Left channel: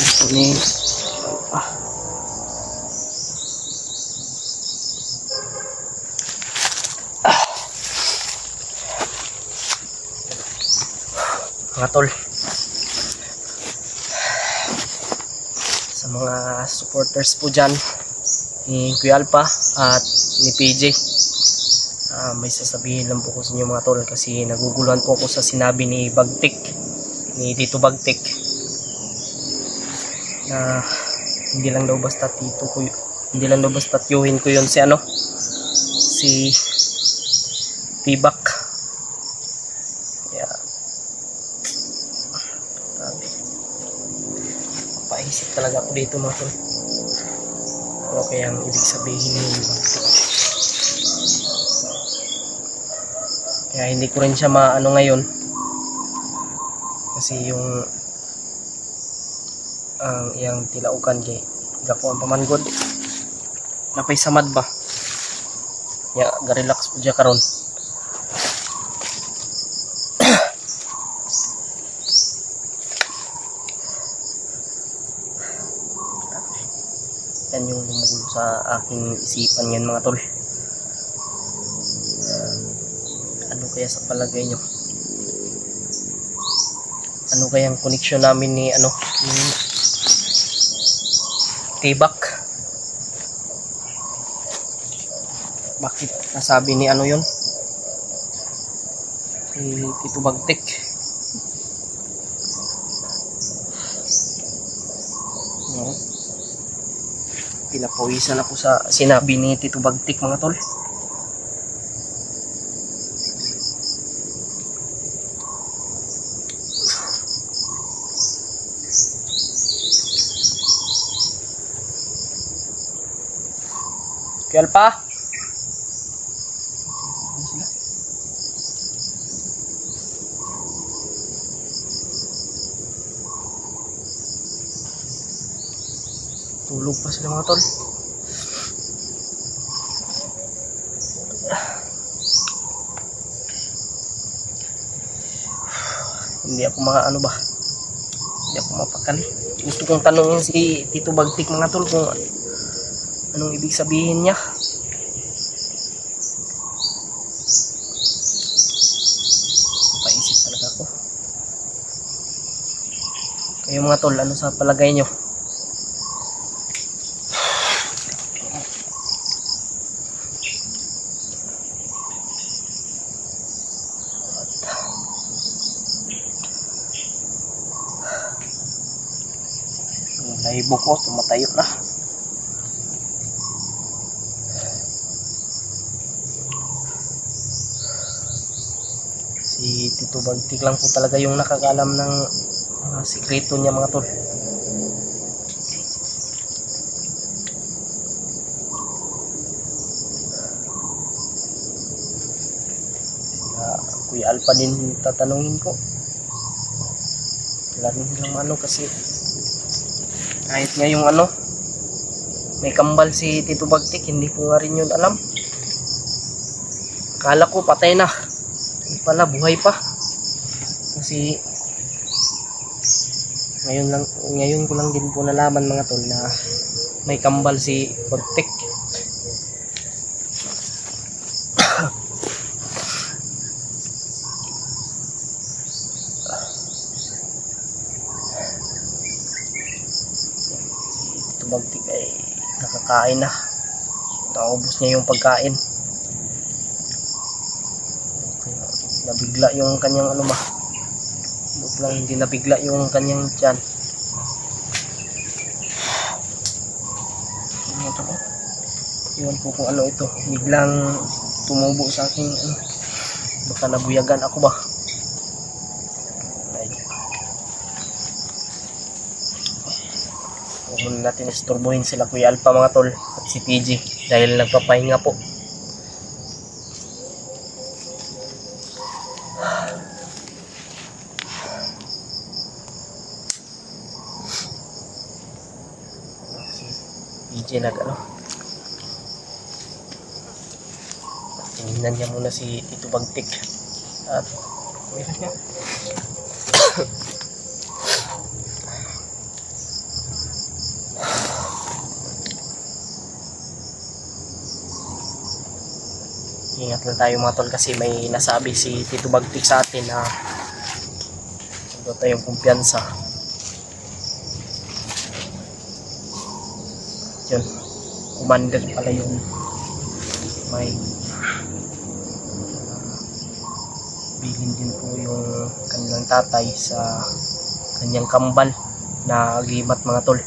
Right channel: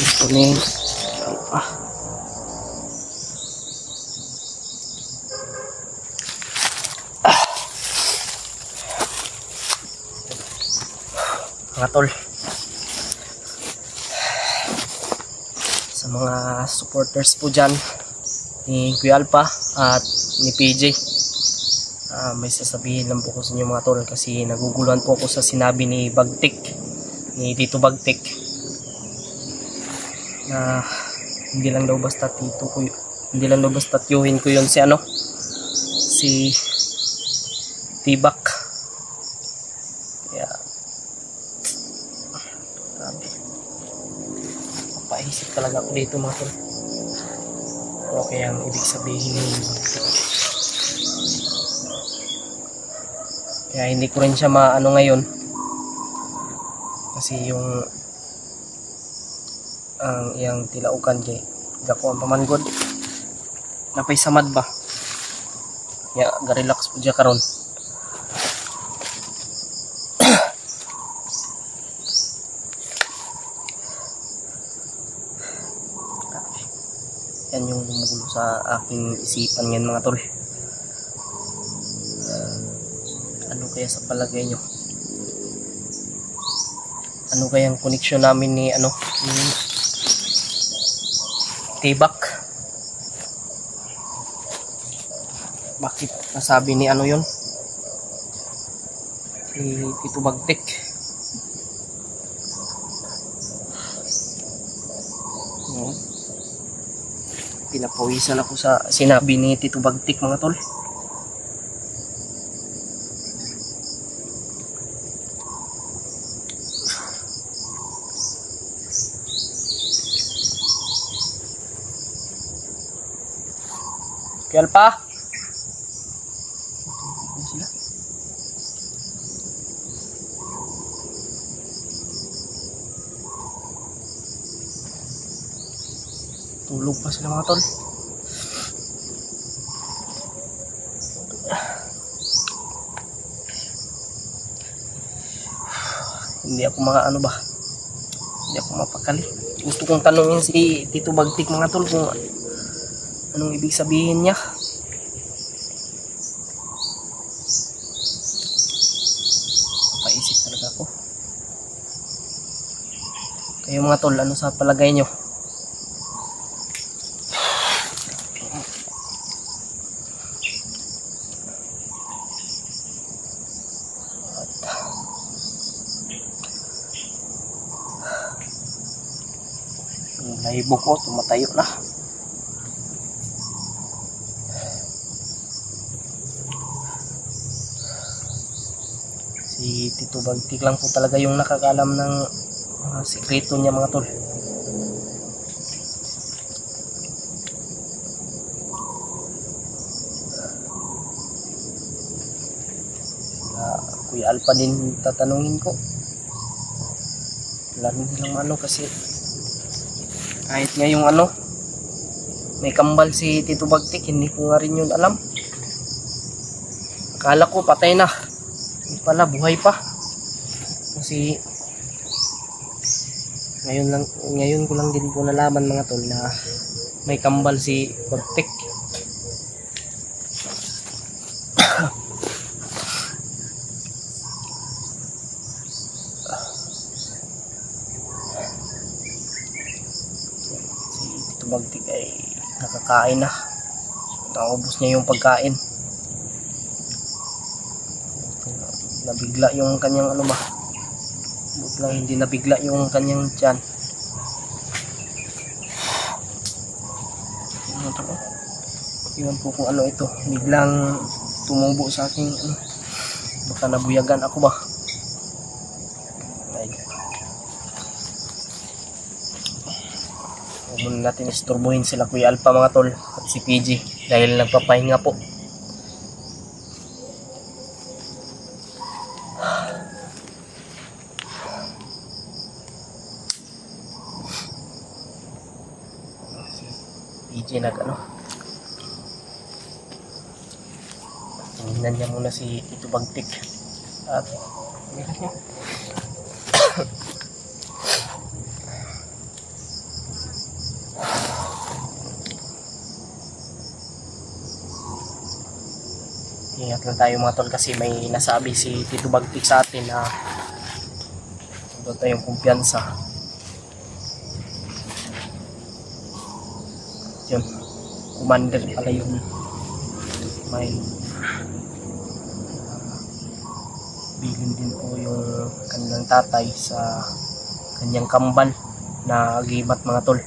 Ito ni mga tol, sa mga supporters po dyan ni Kuya Alpha at ni PJ, may sasabihin lang po ko sa inyo mga tol, kasi naguguluhan po ako sa sinabi ni Bagtik, ni Tito Bagtik, na hindi lang daw basta tiyuhin ko yun si si Tibak. Kaya papaisip talaga ako dito mga tol, ano kaya ang ibig sabihin ni Bagtik. Kaya hindi ko rin siya maano ngayon, kasi yung ang iyang tilaukan kay gakuan pamanggod napay samad ba ya, ga-relax po dyan karon. Yan yung lumugulo sa aking isipan yan mga tol. Ano kaya sa palagay nyo? Ano kayang koneksyon namin ni ni Tibak? Bakit nasabi ni yun? Si Tito Bagtik. Pinapawisan ako sa sinabi ni Tito Bagtik mga tol. Kuya Alpha? Tulog pa sila mga tol. Hindi ako hindi ako mapakali. Gusto kong tanongin si Tito Bagtik mga tol kung anong ibig sabihin niya. Paisip talaga ako. Kayo mga tol, ano sa palagay nyo? Yung laibo ko, tumatayo na. Si Tito Bagtik lang po talaga yung nakakalam ng mga sikreto niya mga tol. Kuya Alpha din tatanungin ko. Wala rin silang kasi kahit nga yung may kambal si Tito Bagtik, hindi ko nga rin yun alam. Akala ko patay na, pala buhay pa, kasi ngayon ko lang din po nalaman mga tol na may kambal si Bagtik. Si Tito Bagtik ay nakakain na, naubos niya yung pagkain. Nabigla yung kanyang lang hindi nabigla yung kanyang tiyan. Iwan ko kung ito, biglang tumubo sa aking baka nabuyagan ako ba. Huwag muna natin istorbohin sila Kuya Alpha mga tol at si PG dahil nagpapahinga po. PJ tinignan niya muna si Tito Bagtik at meron niya Ingat lang tayo mga tol kasi may nasabi si Tito Bagtik sa atin na huwag tayong kumpiyansa. Yun, commander pala yun. May bilin din po yung kanilang tatay sa kanyang kambal na agimat mga tol.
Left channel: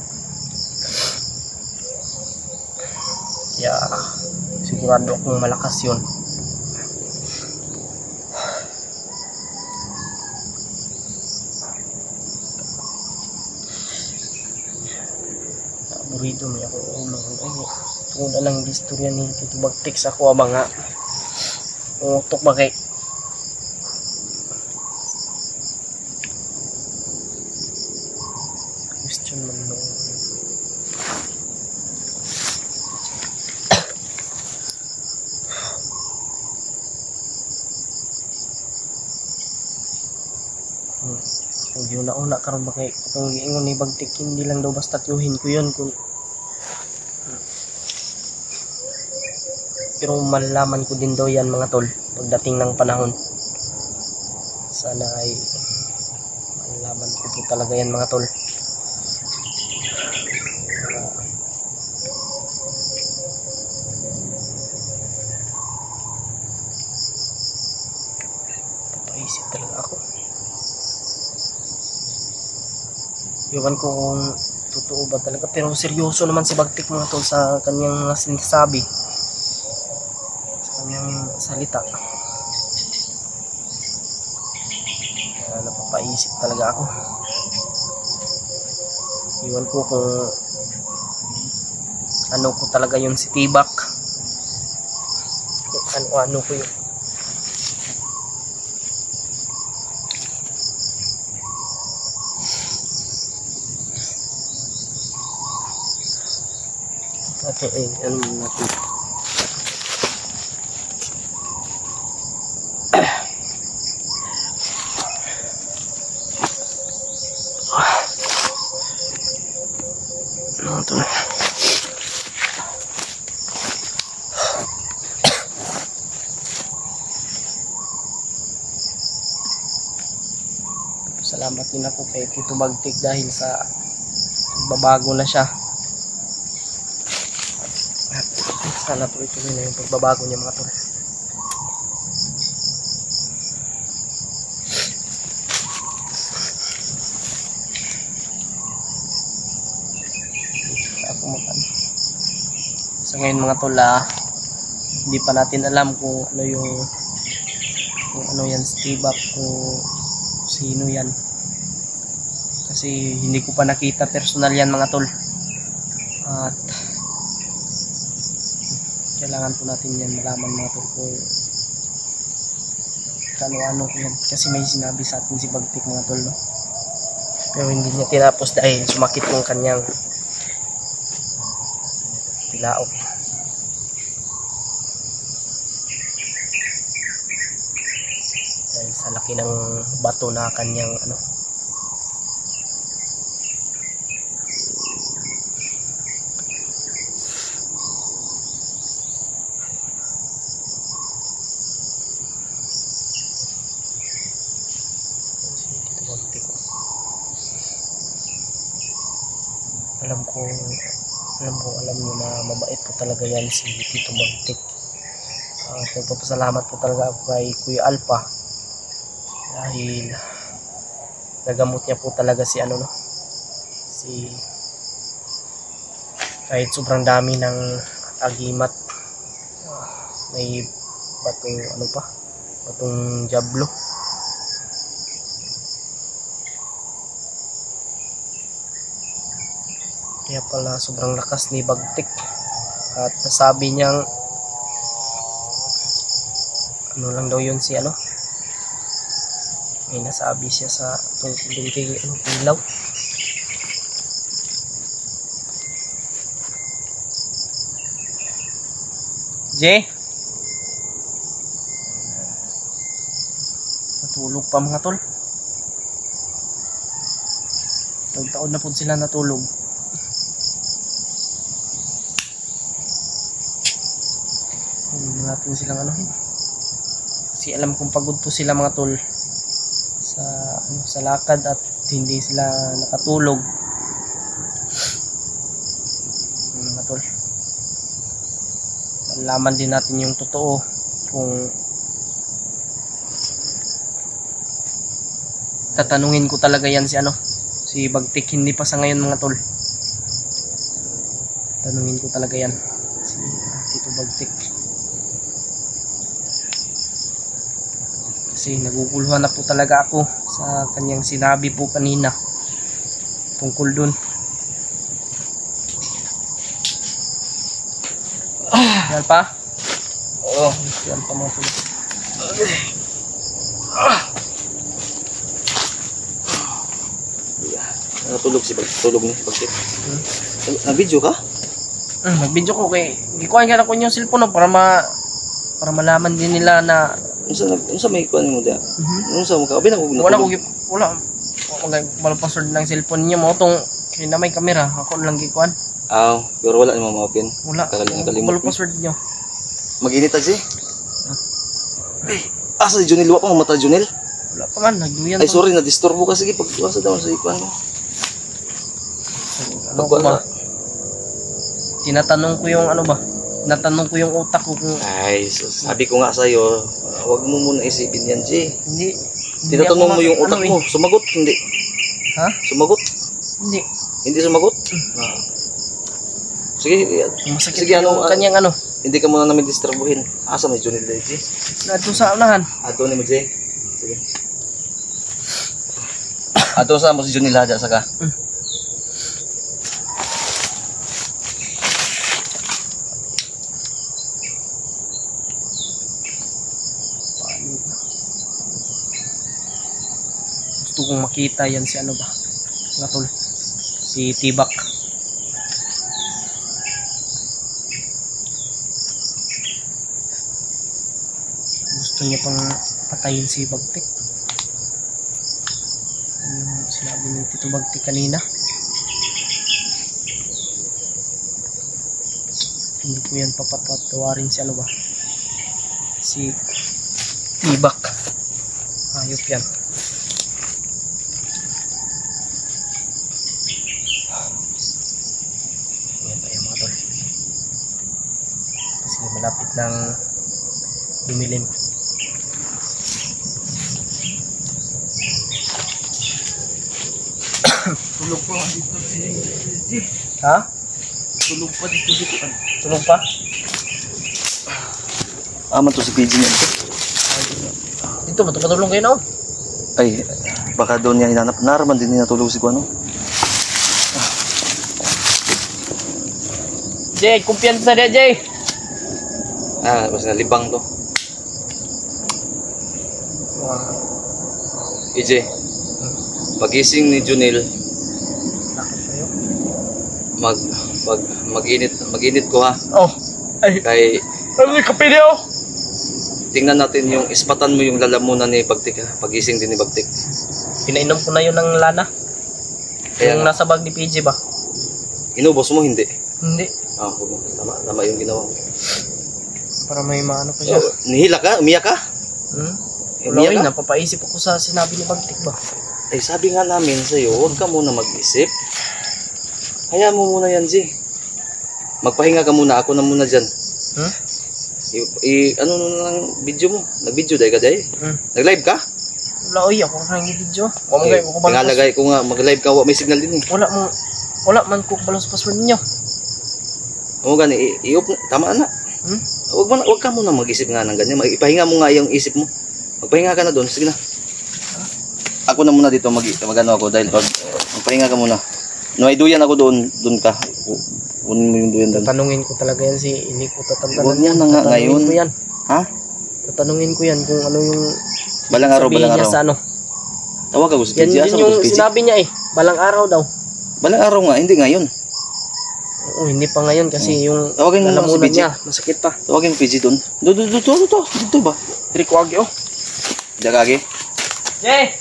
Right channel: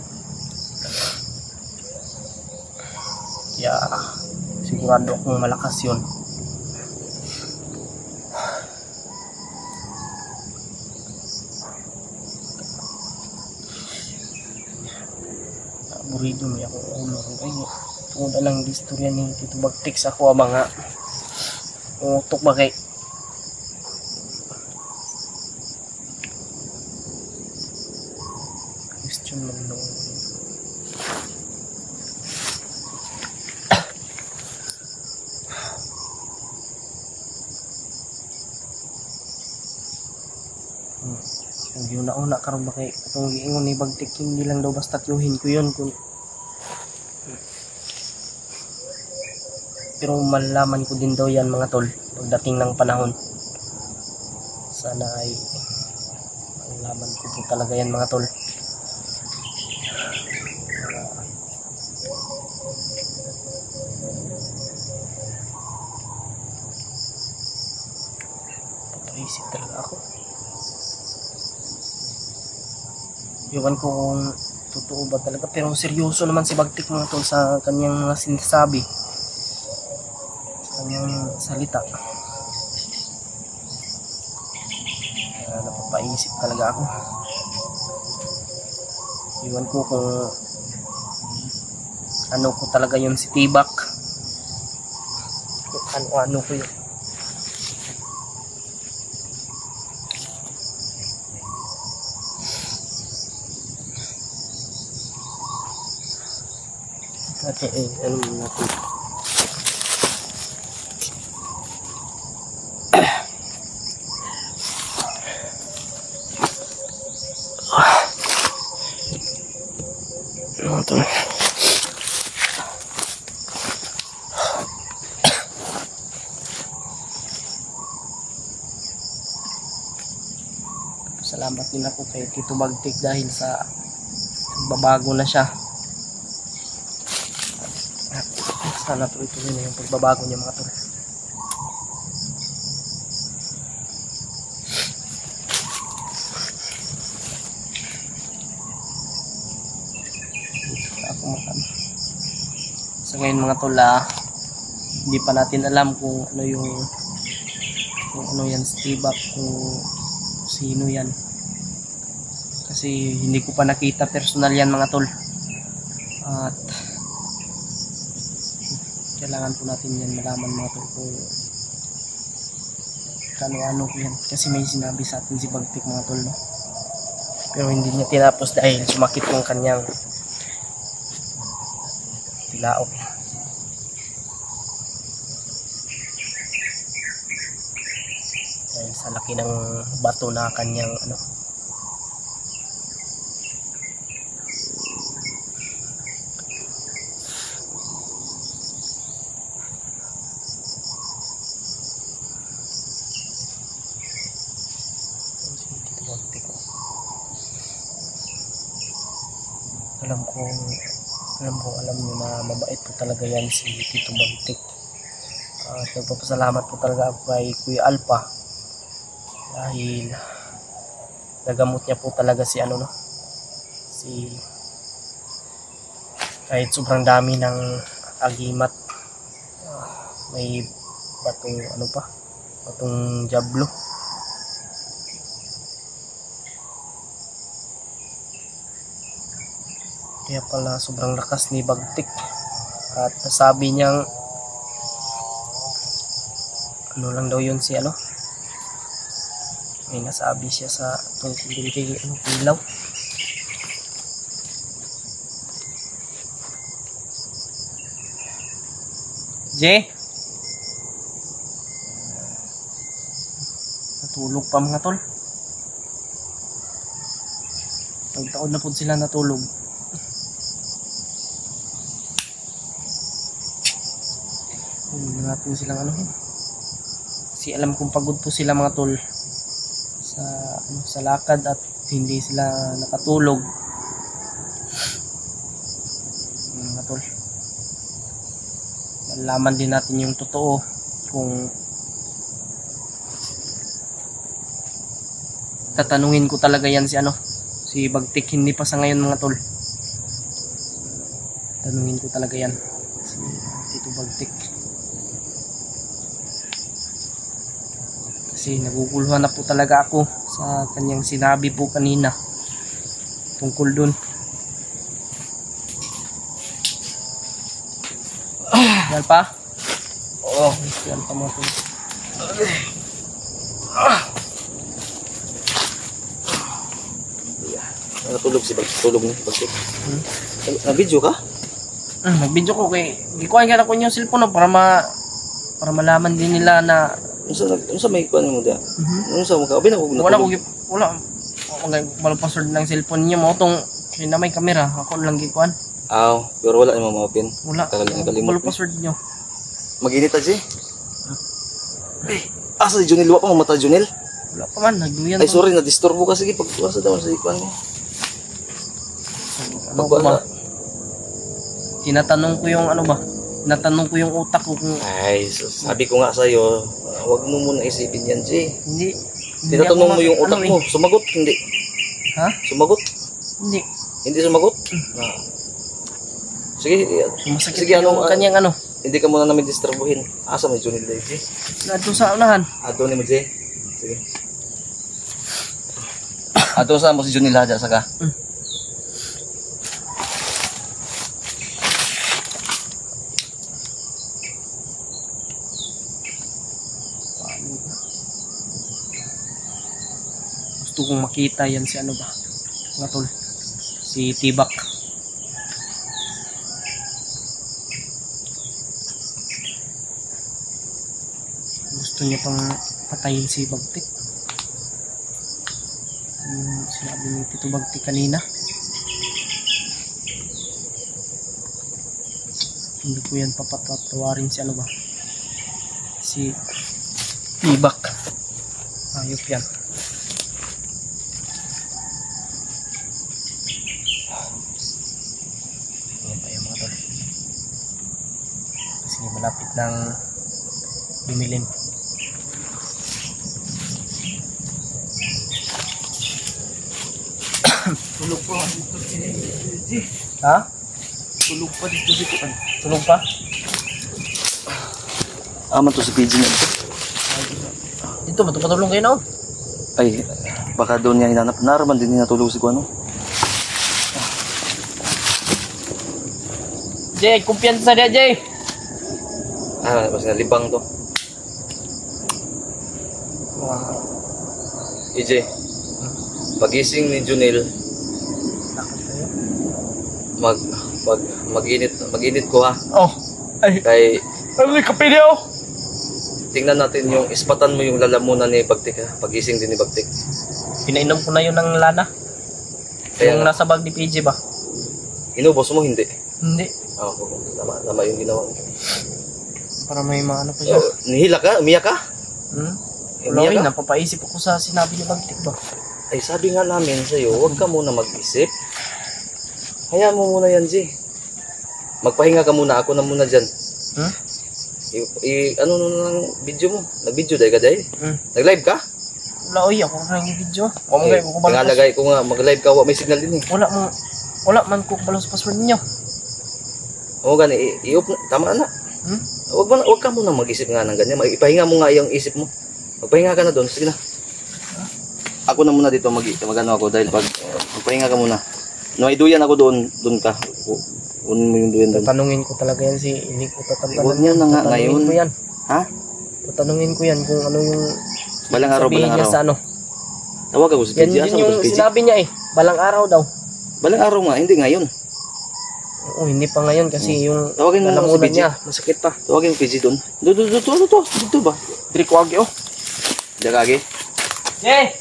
Kaya sigurado akong malakas yun. Aburido may ako ulo. Ay, tungkol na lang istorya ni Tito Bagtik sa ako abang nga utok ba kay question man nung kung yun nauna karon ba kay itong giingon ni Bagtik hindi lang daw basta tiyuhin ko yun kung pero malalaman ko din daw yan mga tol pagdating ng panahon. Sana ay malalaman ko po talaga yan mga tol. Papaisip talaga ako. Iwan ko kung totoo ba talaga pero seryoso naman si Bagtik mga tol sa kanyang mga sinasabi. Kanyang salita. Kaya napapaisip talaga ako. Iwan ko kung ano ko talaga yun si Tibak. Kung ano ko yun. Okay, ano natin. Ito. Salamat din ako kay Tito Bagtik dahil sa babago na siya. At sana tuloy-tuloy na yung pagbabago niya mga tol. Sa ngayon mga tol, hindi pa natin alam kung ano yung kung ano yan Tibak, kung sino yan kasi hindi ko pa nakita personal yan mga tol at kailangan po natin yan malaman mga tol kung kano-ano ko yan kasi may sinabi sa atin si Bagtik mga tol no? Pero hindi niya tinapos dahil sumakit yung kanyang tilaok. Dahil sa laki ng bato na kanyang ano. Alam nyo na mabait po talaga yan si Tito Bagtik. At nagpapasalamat po talaga ako kay Kuya Alpha dahil nagamot niya po talaga si ano no, si kahit sobrang dami ng agimat, may batong ano pa, batong jablo. Kaya pala sobrang lakas ni Bagtik at nasabi niyang ano lang daw yun si ano, may nasabi siya sa tungkol din kay ano, ilaw. J natulog pa mga tol, taon na po sila natulog. Huwag natin silang anuhin. Kasi alam kong pagod po sila mga tol sa lakad at hindi sila nakatulog. Mga tol, malaman din natin yung totoo kung tatanungin ko talaga yan si Bagtik. Hindi pa sa ngayon mga tol, tanungin ko talaga yan si Tito Bagtik kasi naguguluhan na po talaga ako sa kanyang sinabi po kanina tungkol dun. Yan pa? Oo, yan pa mga tol. Natulog si Bagtik. Nag-video ka? Nag-video ko kay gikuha nga ko yung cellphone para malaman din nila na unsa may kuan mo dia. Unsa mo ka? Abi na ko natulog. Wala password ng cellphone niya mo tong kina may camera ako lang gikuan. Pero wala ni mo ma-open. Wala. Wala password niyo. Mag-init aji. Asa si Junel wa pa mamata Junel? Wala pa man nagduyan. Ay sorry na disturbo ka sige pagkuha daw sa ikuan mo. Ano ba? Tinatanong ko yung Tinatanong ko yung utak ko kung sabi ko nga sa iyo, wag mo muna isipin yan, Jay. Hindi. Tinatanong mo yung utak mo, sumagot hindi. Ha? Sumagot? Hindi. Hindi sumagot? Sige, masakit yung kanyang hindi ka muna namin disturbuhin. Asa may Junel day, Jay? Ato sa unahan. Ato ni mo, Jay. Sige. Ato sa mo si Junel haja saka. Gusto kong makita yan si mga tol, si Tibak. Gusto niya pang patayin si Bagtik, yung sinabi ni Tito Bagtik kanina. Hindi ko yan papatawarin si Tibak. Ayop yan. Kasi malapit ng dumilim. Tulog po dito si Ha? Tulog po dito. Tulog pa? Aman to si PG na ito. Dito matulong kayo na. Ay, baka doon niya hinanap. Naraman din niya tulog si Kuano. Jay, kumpiyansa dia, Jay. Basta libang to. EJ, pagising ni Junel, Lakad tayo. mag-init ko ha. Ay. Kay Ano yung kape niyo? tingnan natin yung ispatan mo yung lalamunan ni Bagtik ha. Pagising din ni Bagtik. Pinainom ko na yun ng lana. Kaya Yung nasa bag ni PJ ba? Inubos mo hindi? Hindi. Tama yung ginawa mo. Para may maano pa siya. Nihila ka? Umiyak ka? Wala rin, napapaisip ako sa sinabi ni Bagtik ba? Ay sabi nga namin sa'yo, huwag ka muna mag-isip. Hayaan mo muna yan, G. Magpahinga ka muna, ako na muna dyan. Ano nang video mo? Nag-video dahil ka dahil? Nag-live ka? Wala, oy, ako na yung video. Tingalagay ko nga, mag-live ka, may signal din eh. Wala man ko balos password ninyo. Oo gani, tama na. Huwag ka muna mag-isip nga ng ganyan. Ipahinga mo nga yung isip mo. Magpahinga ka na doon, sige na. Ako na muna dito, mag-ano ako dahil magpahinga ka muna. May duyan ako doon ka. Kunin mo yung duyan doon. Tatanungin ko talaga yan hindi ko tatanungin. Huwag yan na nga ngayon. Ko yan. Ha? Tatanungin ko yan kung ano yung balang araw. Niya sa Tawag ako si PJ. PJ. Yan yung sinabi niya balang araw daw. Balang araw nga, hindi ngayon. Oo, hindi pa ngayon kasi yung tawagin mo si PJ. Niya, masakit pa. Tawagin mo PJ doon. Dito ba? Diri ko agi Dagagi. Jay!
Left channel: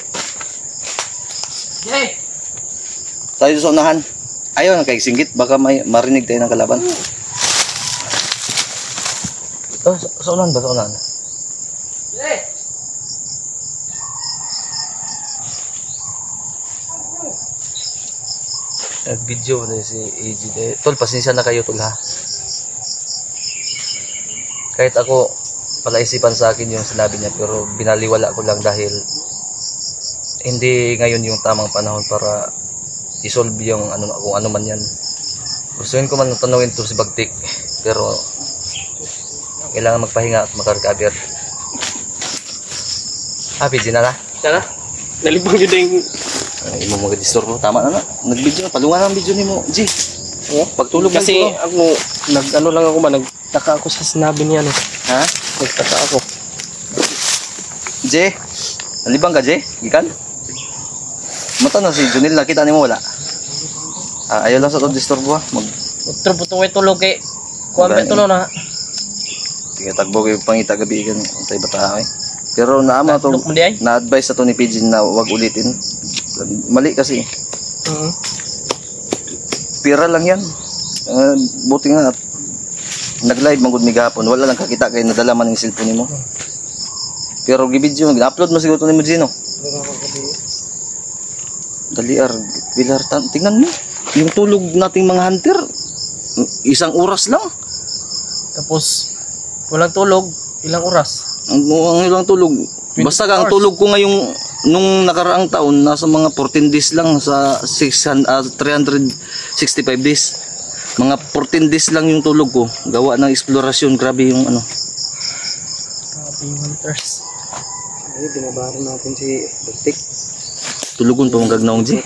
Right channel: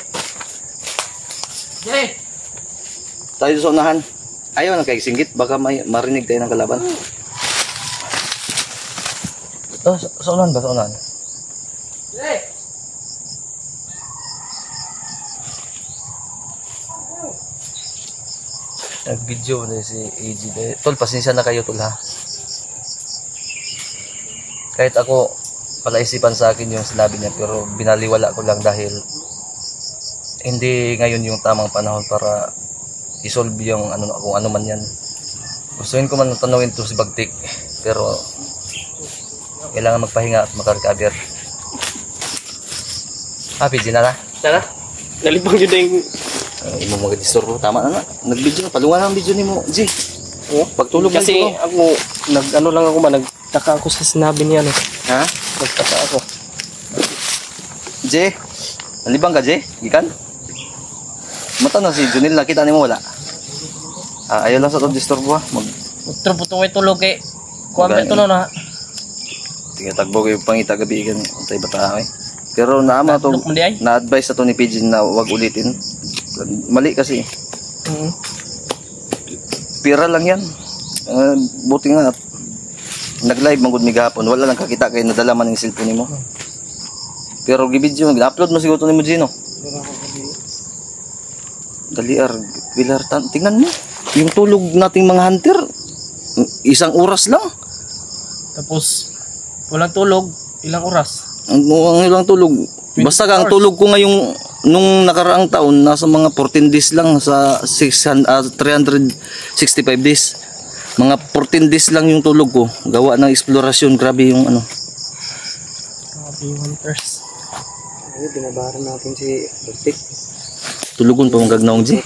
Tayo sa unahan. Ayaw na singgit, baka marinig tayo ng kalaban. Sa unahan ba? Sa unahan. Jay! Nag-video na si AG. Tol, pasensya na kayo tol ha. Kahit ako, palaisipan sa akin yung sinabi niya, pero binaliwala ko lang dahil hindi ngayon yung tamang panahon para isolve yung ano, kung ano man yan. Gustuin ko man tanungin to si Bagtik, pero kailangan magpahinga at makarecover. Happy din na. Tara. Nalibang yun na yung... Imo mga disturbo. Tama na na. Nag-video. Palungan ang video ni mo. G. Oh? Pagtulog Kasi mo. ako, nag-ano lang ako man, nagtaka ako sa sinabi niya, no? Ha? Nagtaka ako. J. Nalibang ka, J? Gikan? Mata na si Junil. Nakita ni mo wala? Ayaw lang sa itong disturbo ha. Utro po itong tulog eh. Kuwampe ito na. Tingnan tagbo ko yung pangita gabi kan antay bata eh. Pero naama to na-advise sa to ni PG na wag ulitin. Mali kasi. Pira lang yan. Buti nga at nag-live magud mi gahapon. Wala lang kakita kay nadala man yung cellphone nimo. Pero gi-video gi-upload mo siguro to ni mo Gino. Daliar Pilar tingnan mo. Yung tulog nating mga hunter 1 oras lang. Tapos walang tulog, ilang oras? Ang ilang tulog. Basta ang tulog ko ngayong nung nakaraang taon nasa mga 14 days lang sa 365 days. Mga 14 days lang yung tulog ko. Gawa ng eksplorasyon, grabe yung ano. Grabe yung hunters. Ay, binabaran natin si Bagtik. Tulugon pa mong gagnaong G.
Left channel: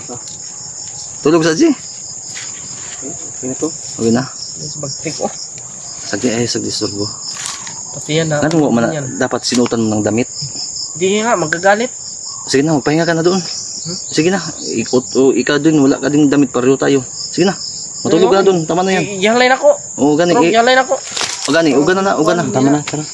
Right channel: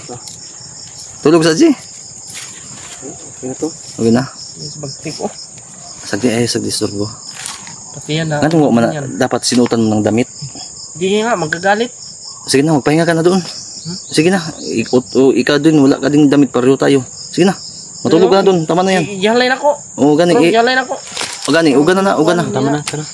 Tulog sa G. Okay na to. Okay na. Si Bagtik oh. Sagdi ay sagdi disturbo. Pati yan na. Ano mo man dapat sinutan mo ng damit? Hindi nga, magagalit. Sige na, magpahinga ka na doon. Sige na, ikaw doon, wala ka din damit, pareho tayo. Sige na, matulog ka na doon, tama na yan. Iyahlay na ko. Oo, gani. Iyahlay na ko. O gani, uga na. Tama na, tara.